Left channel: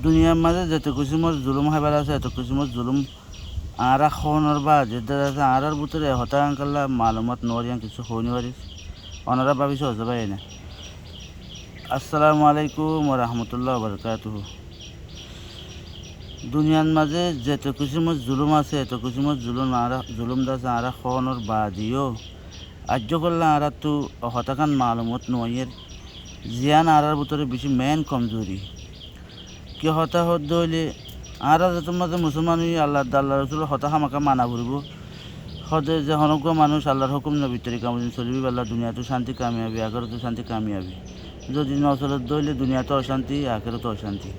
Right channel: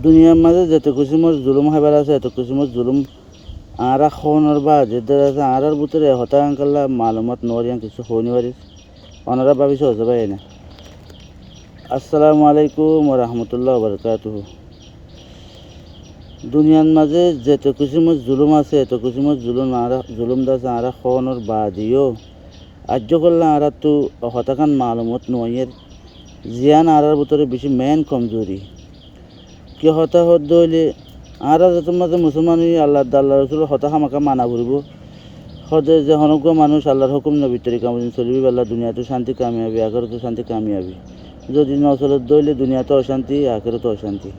দুনিয়ার মাঝে যত কিসিমর জুলুম হাইবার আছে এত কিসিমর জুলুম আরা খোনের বা যেদের আছে আরার ভিতরে হতাঙ্কাল্লা মালুমাত নরিয়ান কিছু হনি পারিস ওনারা ভাবিস হতে পারে না। আসসালামু আলাইকুম রহমতুল্লাহ বরকাতুহু। দুনিয়ার মাঝে যত কিসিমর জুলুম আছে এত কিসিমর জুলুম দাসে আরা খোনের বা দিও আর্য করলে আরা তো হতাকান মালুমত নয়ের জিয়ান আরার ভিতরে বেশি মেন কমজোরি কি হতা হইলে আরা তোমাদের মুসলমান আল্লাহ রসুল হতা হামাকা মানা ঘুরব সদে যে হনজ্ঞ মানুষ আল্লাহর হুকুম নবী তরিকা মদিন চলিবি আল্লাহ দুনিয়াতে শান্তি কামিয়াবি আখেরাতে শান্তি কামিয়াবি যদি নচলত দইলে দুনিয়াতে অশান্তি আখেরাতে অশান্তি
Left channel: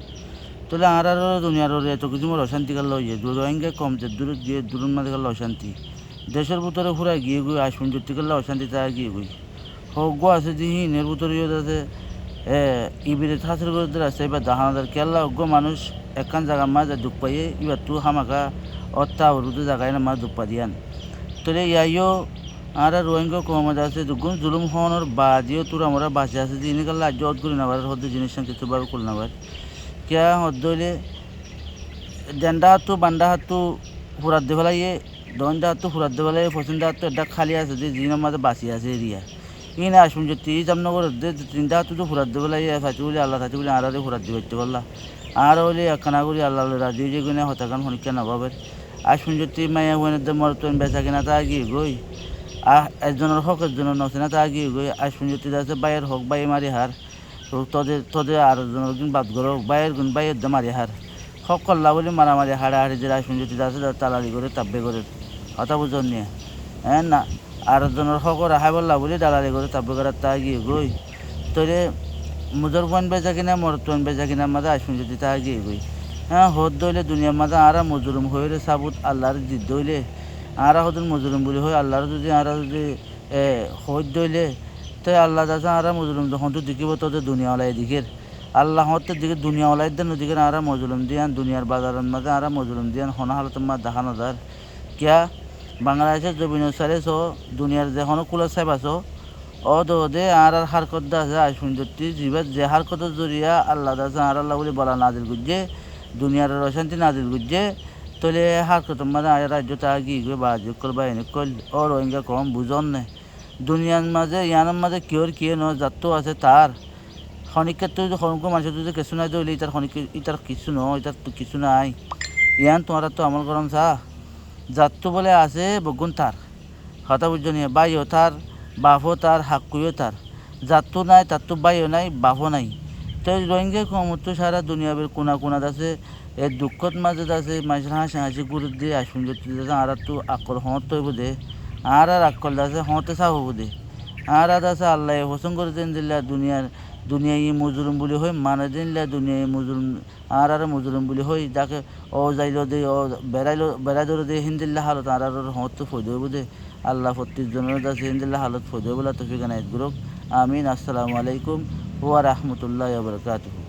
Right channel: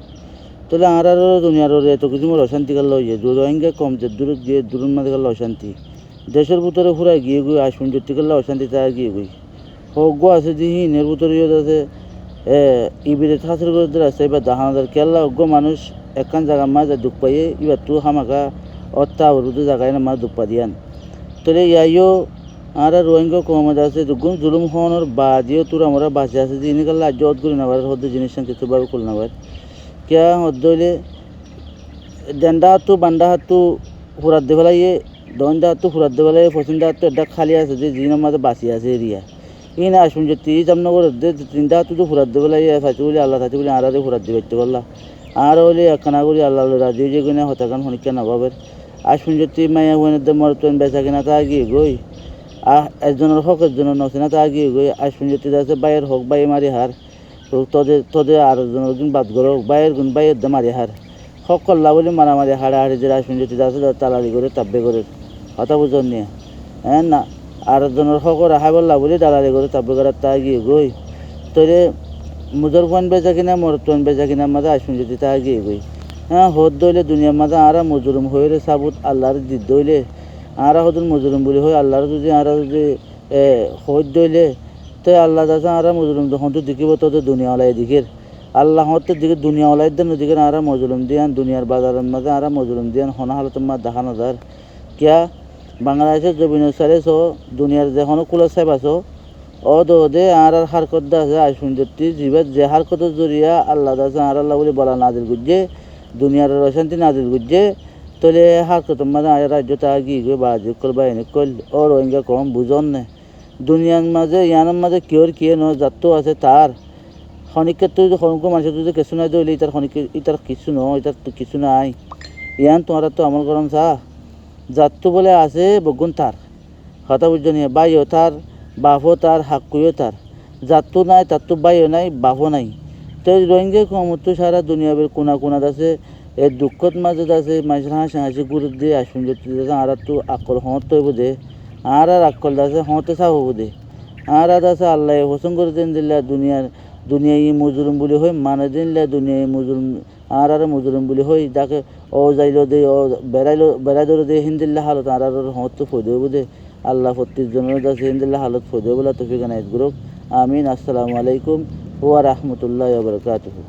তাহলে আরারও দুনিয়ার এত কিছু মোর অশান্তি কাল লইয়ে রোহিঙ্গা কম যে দূরে গিয়ে দূরের মাঝে গেলে অশান্তি দেশের ভিতরে ফুরাই গিয়ে গিয়ে আসুন যেতে গেলে অশান্তি তা গিয়ে গই হজ্ঞ আছে যে হিনের ভিতরে আছে ইবিরে থাসের করে আছে এবার দাহানাদার কেল্লা অজ্ঞ মানুষ একখান জায়গা মাঝে দুঃখ পাইয়ে এবার তো হামাকা অত্তা অরুদে জায়গায় না মা দুঃখ পা দিয়ান তাহলে ইয়াইও আর রোহিঙ্গা কমে আছে দুগুণ জুলুম হওয়ানোর বাদিও তোর আমরা বাঁচে আছে যে ইনি কাল্লা জত করি না পারে হদ্দ জিনিস কিছু বার করল না পারে কেয়া হদ্দ হইলে ডেন্ডা হাতু বান্ডা হাতু ফুরাত দে ফেলাইয়ে দণ্ডা হাতু ফুরাত দে ফেলাই পছন্দা হাতু এটা খালি আছে যে জিনের মাঝে বাঁচি আছে এরিয়া এই না আসুন যে তিরিশ জামনগর তিনটা হাতু তো ফুরাত দে ফেলাই থাকি বলে আল্লাহ থাকি বলে আরারে ফুরাত দিয়ে করতে পারলা আর হইলে একখানা করি আল্লাহ রাজি যে গুনে হতাকান হনিকা নবাবের আর শুনছি মায়া বোনের মরতন বেচা কিনা তা গিয়ে গই একজনের হক একজনের নছে না তা গিয়ে গই আর শুনছি আছে বাইয়ের হক বাই মারি হার তোদের আর একজনের গুণ বাদ গর বাইয়ের গুণ বাইয়ের দে মারি হার হক করলা বলে মারামারি হাড়াহাড়ি যে শুনছি আছে তালারি করে তাব্বে করে কথা বুঝন নিয়ে হ্যাঁ না আর একজনের হক রাখা বললা বলে দালালি করে তাব্বে করে তা গিয়ে গই তোরে মুজর ফোন বেচা কিনা মরতন বেচা কিনা মাঝে আর শুনছি তা গিয়ে গই হ্যাঁ হদ দইলে দুনিয়ার মাঝে আরা মজুরুম হয়ে সাবুত আল্লাহর জিদ দইলে আরা হদুন মজুরুম বলে হয় আল্লাহর যদি আরা যদি হদ দইলে তো আল্লাহ দাসা আরা মজুরুম যখন তো দেখিব তোদের দুনিয়াওয়ালাই দিকের আল্লাহ হতের দিকে দুনিয়াওয়ালাই দেন ওদিকে আরা মজুরুম দিয়ান দুনিয়ার বাজারের মাঝে আরা মজুরুম দিয়ান হনা হালত মা দেখানো যার কিয়া বাংলাদেশের জবিন সারে সো দুনিয়ার যেখনো কুলার সাহেব আছো দে আর হারকত দাসা আই সুন্দরটি জীবের যে হারকতের জরিয়া আল্লাহ দাসা আর আল্লাহ বলে বলা নাজিল গুজে দুনিয়ার অশান্তি নাজিল বুঝছে তোলে হারকত মানে রাজ্য তা গিয়ে গিয়ে বাজু করবা এনে কল ও রোহিঙ্গা কম বুঝন না দুনিয়ার মাঝে ইয়ানের মাঝে কিয়র কিয়ে ন যাত্র আছে তার খনিকের তুই খনিক মানুষের তুই কিছু নাই দিলে ইটার খনিক ইটার কিছু ন ইটার তো কিছু নাই ইয়ান তোমার তো আমল গরম চা যাত্র বলে আছে বগুন তার কথা বুঝছো নিয়ে বাইও তার বাপও তার হাকুও তার যাত্র নাই তার তো বাইও নাই বাপও নাই তো রোহিঙ্গা কমতো সারা দুনিয়াবের কোনা আছে এই দুঃখত মাঝে আছে মানুষের হাসি গুরু দিয়ে আসুন যে আর তো আকল হত হইব দে আর আকল আছে হতে চা হব দে আর আছে আল্লাহ হোসন করে দিন দিল্লা দুনিয়ায় মজুরুম বলে হয় মানে দিনলা দুনিয়ায় মজুরুম আর মজুরুম বলে হয় যাকে ও যাইল দে ও বেড়াই ধরে দে হিন্দিল্লা হালত আর হত ফৈদ হইব দে আল্লাহ প্রত্যেকজনের কাছে হিন্দিল্লা হালত ফৈদ হইব তো ফিখানে এক গ্রুপ আমিন। আসসালামু আলাইকুম ওয়া রাহমাতুল্লাহি ওয়া বারাকাতুহু।